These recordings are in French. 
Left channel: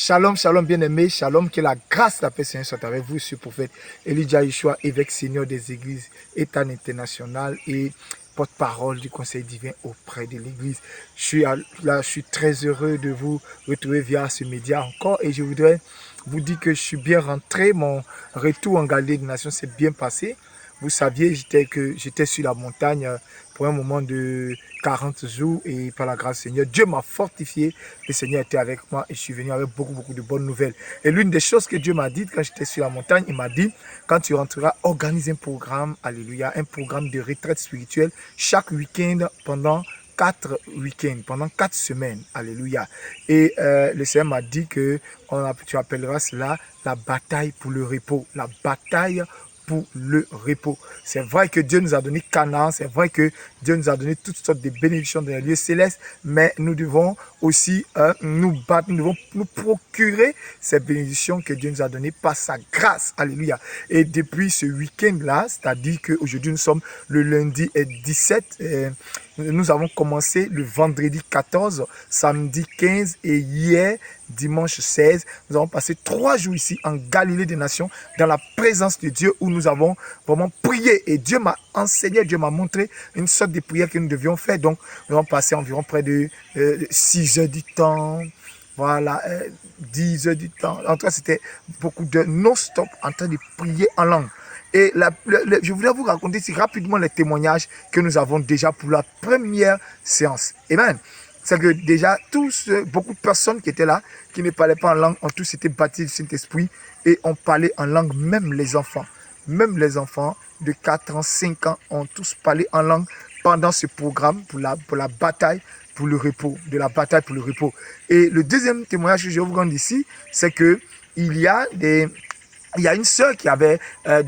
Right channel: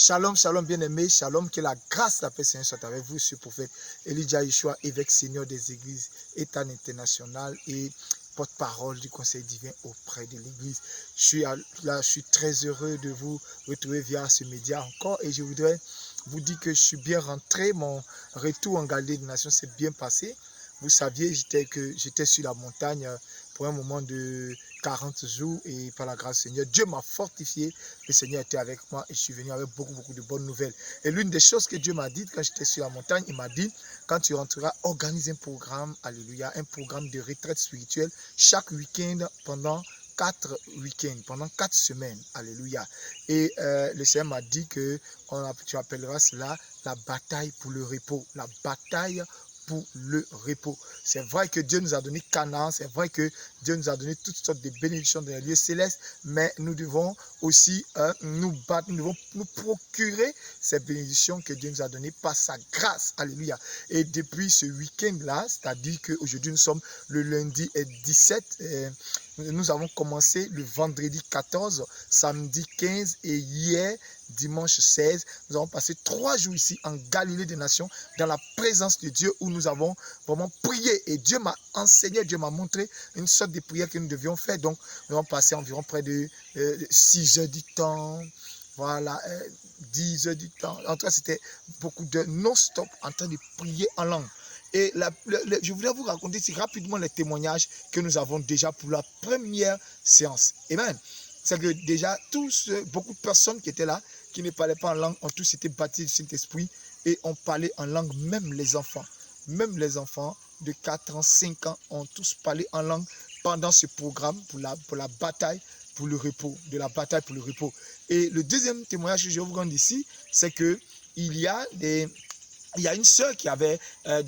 Shalom, shalom bien-aimé, shalom, que la grâce, la paix, Seigneur soit avec vous, ce prophète Elijah Yeshua, évêque seigneur des églises, État international et porte-parole du conseil divin auprès de l'église. Je suis très heureux de vous retrouver via ce média encore et je voudrais vous dire que je suis bien rentré, mon retour en Galilée des Nations s'est bien passé. Vous saviez j'étais sur la montagne pour un moment de 40 jours et par la grâce du Seigneur, Dieu m'a fortifié. Le Seigneur était avec moi et je suis venu avec beaucoup de bonnes nouvelles. Et l'une des choses que Dieu m'a dit quand j'étais sur la montagne, il m'a dit, quand tu rentreras, organise un programme, alléluia, un programme de retraite spirituelle chaque week-end pendant 4 week-ends, pendant 4 semaines, alléluia. Et le Seigneur m'a dit que tu appelleras cela la bataille pour le repos, la bataille pour le repos. C'est vrai que Dieu nous a donné Canaan, c'est vrai que Dieu nous a donné toutes sortes de bénédictions dans les lieux célestes, mais nous devons aussi nous battre, nous devons nous procurer ces bénédictions que Dieu nous a données par sa grâce. Alléluia. Et depuis ce week-end-là, c'est-à-dire qu'aujourd'hui nous sommes le lundi 17, nous avons commencé le vendredi 14, samedi 15 et hier, dimanche 16. Nous avons passé 3 jours ici en Galilée des Nations, dans la présence de Dieu, où nous avons vraiment prié. Et Dieu m'a enseigné, Dieu m'a montré une sorte de prière que nous devions faire. Donc, nous avons passé environ près de 6 heures du temps. Voilà, 10 heures du temps. En tout cas, c'était beaucoup de non-stop en train de prier en langue. Et je voulais vous raconter si rapidement les témoignages que nous avons déjà pour la première séance. Amen. C'est que déjà, beaucoup de personnes qui étaient là, qui ne parlaient pas en langue, ont tous été baptisés du Saint-Esprit et ont parlé en langue, même les enfants. Même les enfants de 4 ans, 5 ans ont tous parlé en langue pendant ce programme pour la bataille pour le repos, de la bataille pour le repos. Et le deuxième témoignage que je vous rends ici, c'est que il y a une sœur qui avait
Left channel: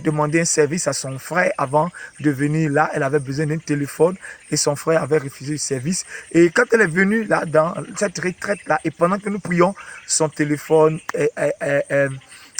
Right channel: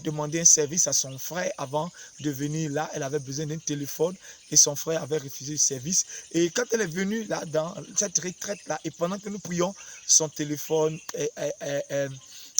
demandé un service à son frère avant de venir là. Elle avait besoin d'un téléphone et son frère avait refusé le service. Et quand elle est venue là, dans cette retraite-là, et pendant que nous prions, son téléphone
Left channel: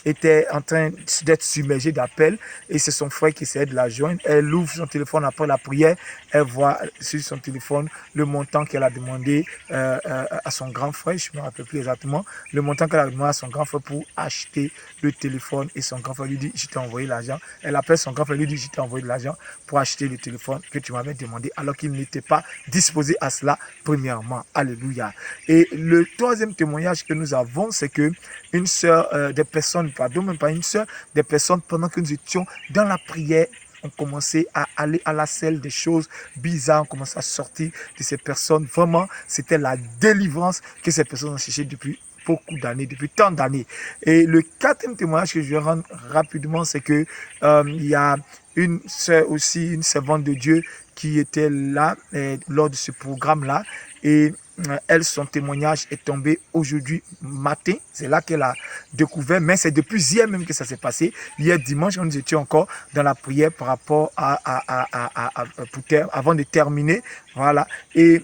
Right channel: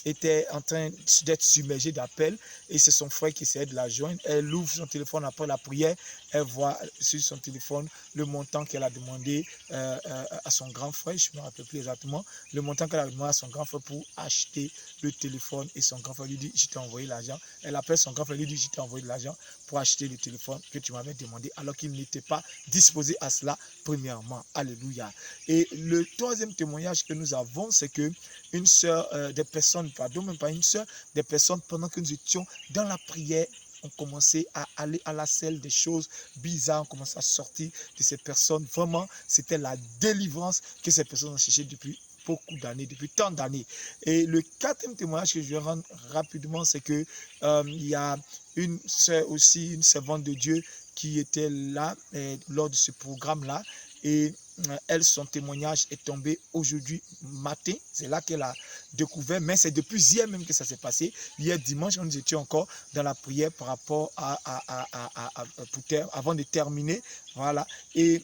était en train d'être submergé d'appels et c'est son frère qui essayait de la joindre. Elle ouvre son téléphone après la prière, elle voit sur son téléphone le montant qu'elle a demandé à son grand frère, je ne me rappelle plus exactement, le montant qu'elle a demandé à son grand frère pour acheter le téléphone et son grand frère lui dit, je t'ai envoyé l'argent. Elle appelle son grand frère lui dit, je t'ai envoyé de l'argent pour acheter le téléphone que tu m'avais demandé alors qu'il n'était pas disposé à cela premièrement. Alléluia. Et le troisième témoignage que nous avons, c'est que une sœur, des personnes, pardon, même pas une sœur, des personnes pendant que nous étions dans la prière, on commençait à aller à la selle, des choses bizarres, on commençait à sortir de ces personnes. Vraiment, c'était la délivrance que ces personnes ont cherché depuis beaucoup d'années, depuis tant d'années. Et le quatrième témoignage que je vais rendre rapidement, c'est que il y a une sœur aussi, une servante de Dieu qui était là lors de ce programme-là. Et elle, son témoignage est tombé aujourd'hui matin. C'est là qu'elle a découvert, mais c'est depuis hier même que ça s'est passé. Hier dimanche, nous étions encore dans la prière par rapport avant de terminer. Voilà. Et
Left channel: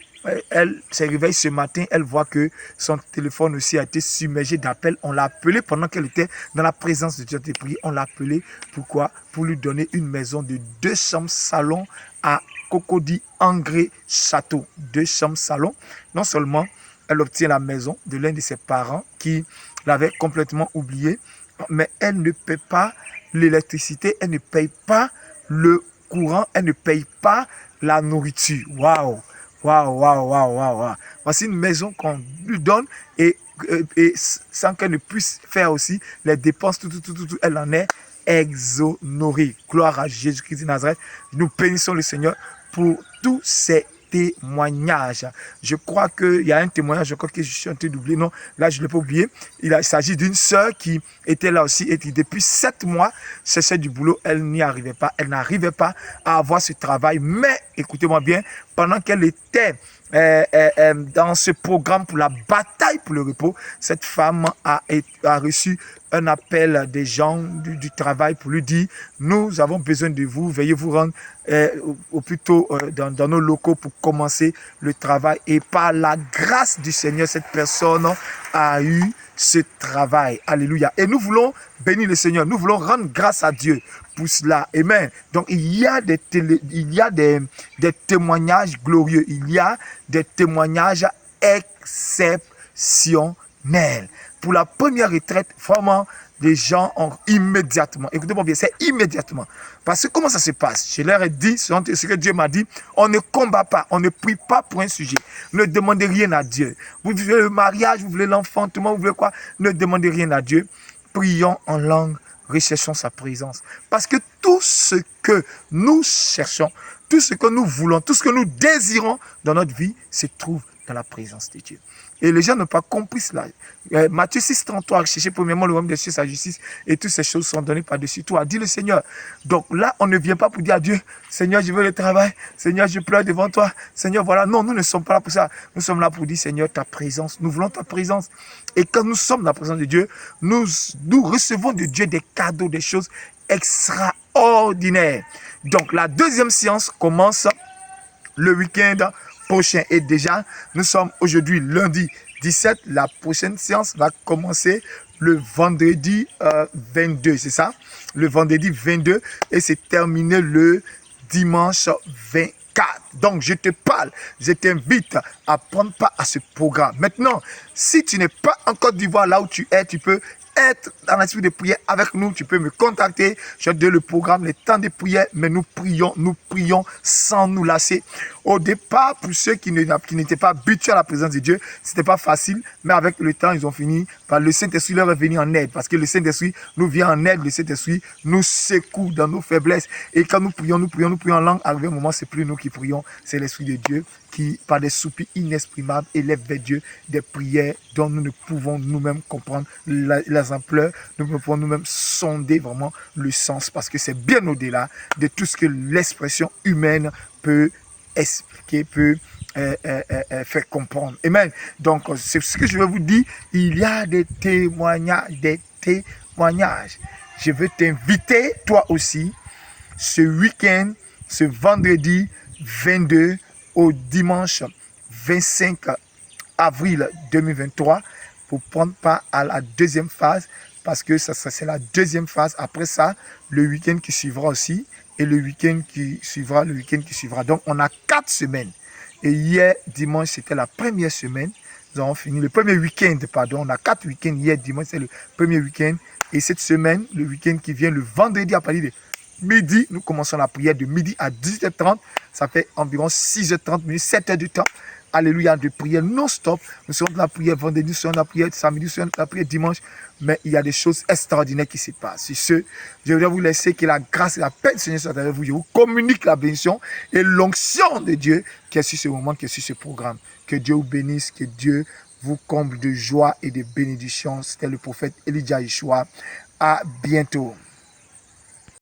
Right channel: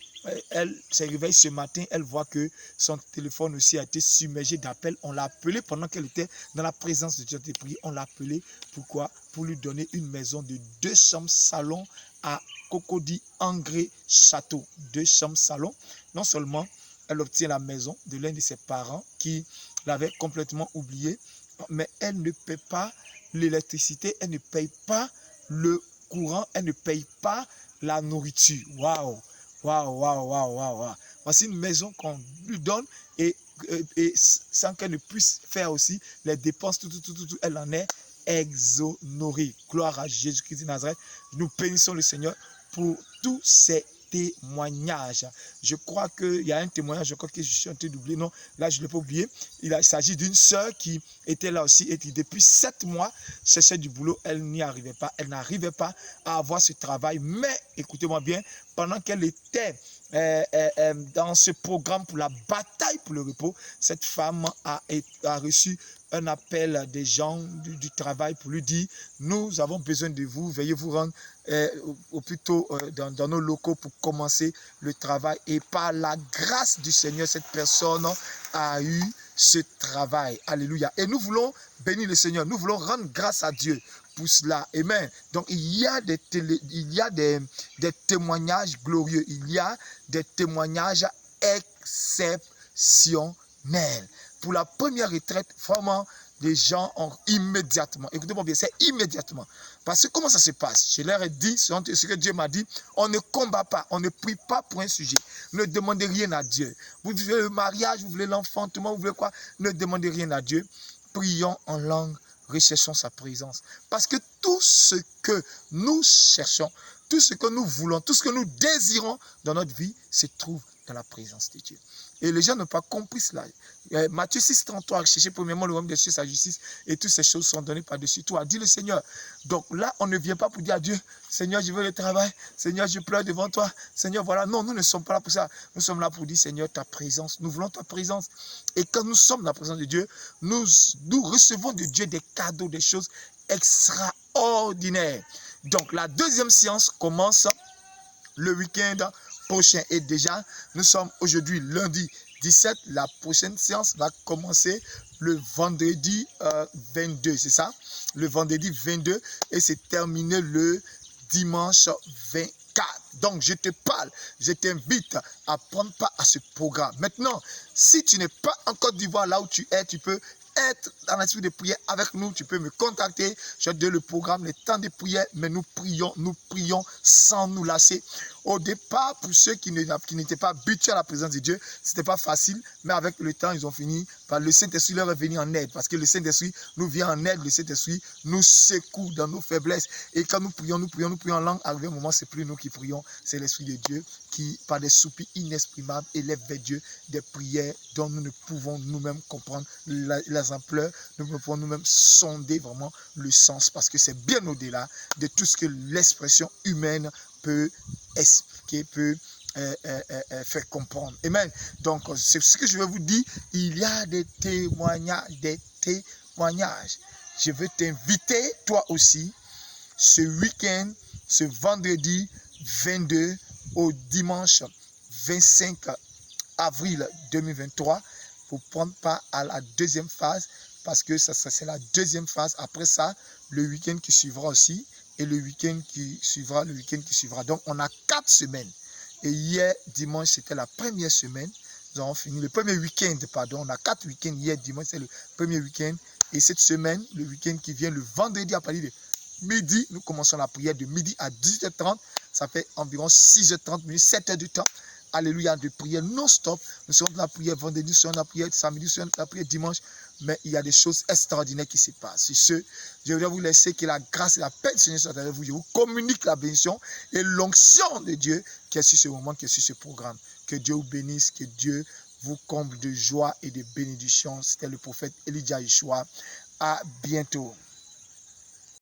elle se réveille ce matin, elle voit que son téléphone aussi a été submergé d'appels. On l'a appelé pendant qu'elle était dans la présence de Dieu de prier. On l'a appelé, pourquoi? Pour lui donner une maison de 2 chambres salon à Cocody Angré Château. 2 chambres salon. Non seulement elle obtient la maison de l'un de ses parents qui l'avait complètement oublié, mais elle ne paie pas l'électricité, elle ne paye pas le courant, elle ne paye pas la nourriture. Waouh! Waouh, waouh, waouh, waouh. Voici une maison qu'on lui donne et sans qu'elle ne puisse faire aussi les dépenses, tout, elle en est exonérée. Gloire à Jésus-Christ de Nazareth. Nous bénissons le Seigneur pour tous ces témoignages. Je crois qu'il y a un témoignage, je crois que je suis en train d'oublier. Non, là, je ne l'ai pas oublié. Il s'agit d'une sœur qui était là aussi et qui, depuis 7 mois, cherchait du boulot. Elle n'y arrivait pas. Elle n'arrivait pas à avoir ce travail. Mais, écoutez-moi bien, pendant qu'elle était dans ce programme pour la bataille pour le repos, cette femme a reçu un appel des gens du travail pour lui dire, nous avons besoin de vous, veuillez vous rendre au plus tôt dans nos locaux pour commencer le travail. Et par la grâce du Seigneur, cette personne a eu ce travail. Alléluia. Et nous voulons bénir le Seigneur, nous voulons rendre grâce à Dieu pour cela. Amen. Donc il y a des témoignages glorieux, il y a des témoignages exceptionnels. pour la première retraite, vraiment, les gens ont immédiatement, écoutez-moi bien, c'est immédiatement. Parce que comment ça se passe? Je leur ai dit, ce que Dieu m'a dit, on ne combat pas, on ne prie pas pour un sujet. Ne demandez rien à Dieu. Vous voulez le mariage, vous voulez l'enfant, tout le monde, vous voulez quoi? Ne demandez rien à Dieu. Prions en langue, recherchons sa présence. Parce que tout ce que nous cherchons, tout ce que nous voulons, tout ce que nous désirons dans notre vie se trouve dans la présence de Dieu. Et les gens n'ont pas compris cela. Matthieu 6, 33, cherchez premièrement le royaume de Dieu, sa justice, et toutes ces choses sont données par-dessus tout, a dit le Seigneur. Donc là, on ne vient pas pour dire à Dieu, Seigneur, je veux le travail, Seigneur, je pleure devant toi, Seigneur, voilà. Non, nous ne sommes pas là pour ça. Nous sommes là pour dire, Seigneur, ta présence, nous voulons ta présence. Et quand nous sommes dans la présence de Dieu, nous recevons de Dieu des cadeaux, des choses extraordinaires. Donc la deuxième séance commence le week-end prochain. Et déjà, nous sommes aujourd'hui lundi 17. La prochaine séance va commencer le vendredi 22, c'est ça? Le vendredi 22 et c'est terminé le dimanche 24. Donc, je te parle, je t'invite à prendre part à ce programme. Maintenant, si tu n'es pas en Côte d'Ivoire, là où tu es, tu peux être dans l'esprit de prière avec nous, tu peux me contacter. Je te donne le programme, les temps de prière, mais nous prions sans nous lasser. Au départ, pour ceux qui n'étaient pas habitués à la présence de Dieu, c'était pas facile, mais avec le temps, ils ont fini par le Saint-Esprit leur est venu en aide, parce que le Saint-Esprit nous vient en aide, le Saint-Esprit nous secoue dans nos faiblesses. Et quand nous prions en langue, arrivé un moment, c'est plus nous qui prions, c'est l'Esprit de Dieu qui, par des soupirs inexprimables, élève vers Dieu des prières dont nous ne pouvons nous-mêmes comprendre les ampleurs, nous ne pouvons nous-mêmes sonder vraiment le sens, parce que c'est bien au-delà de tout ce que l'expression humaine peut expliquer, peut faire comprendre. Amen. Donc, c'est ce que je vais vous dire. Il y a des témoignages, Je veux t'inviter, toi aussi, ce week-end, ce vendredi 22 au dimanche 25 avril 2023 pour prendre part à la deuxième phase, parce que ça c'est la deuxième phase. Après ça, le week-end qui suivra aussi, et le week-end qui suivra, Donc, on a 4 semaines. Et hier, dimanche, c'était la première semaine. Nous avons fini le premier week-end, pardon. On a 4 week-ends. Hier, dimanche, c'est le premier week-end. Et cette semaine, le week-end qui vient, le vendredi à partir de midi, nous commençons la prière de midi à 18h30. Ça fait environ 6h30 minutes, 7 heures de temps. Alléluia, de prière non-stop. Nous sommes dans la prière vendredi, nous sommes dans la prière samedi, nous sommes dans la prière dimanche. Mais il y a des choses extraordinaires qui se passent. Sur ce, je voudrais vous laisser que la grâce et la paix du Seigneur soient avec vous. Je vous communique la bénédiction et l'onction de Dieu qui est sur ce moment, qui est sur ce programme. Que Dieu vous bénisse, que Dieu vous comble de joie et de bénédiction. C'était le prophète Elijah Yeshua. À bientôt.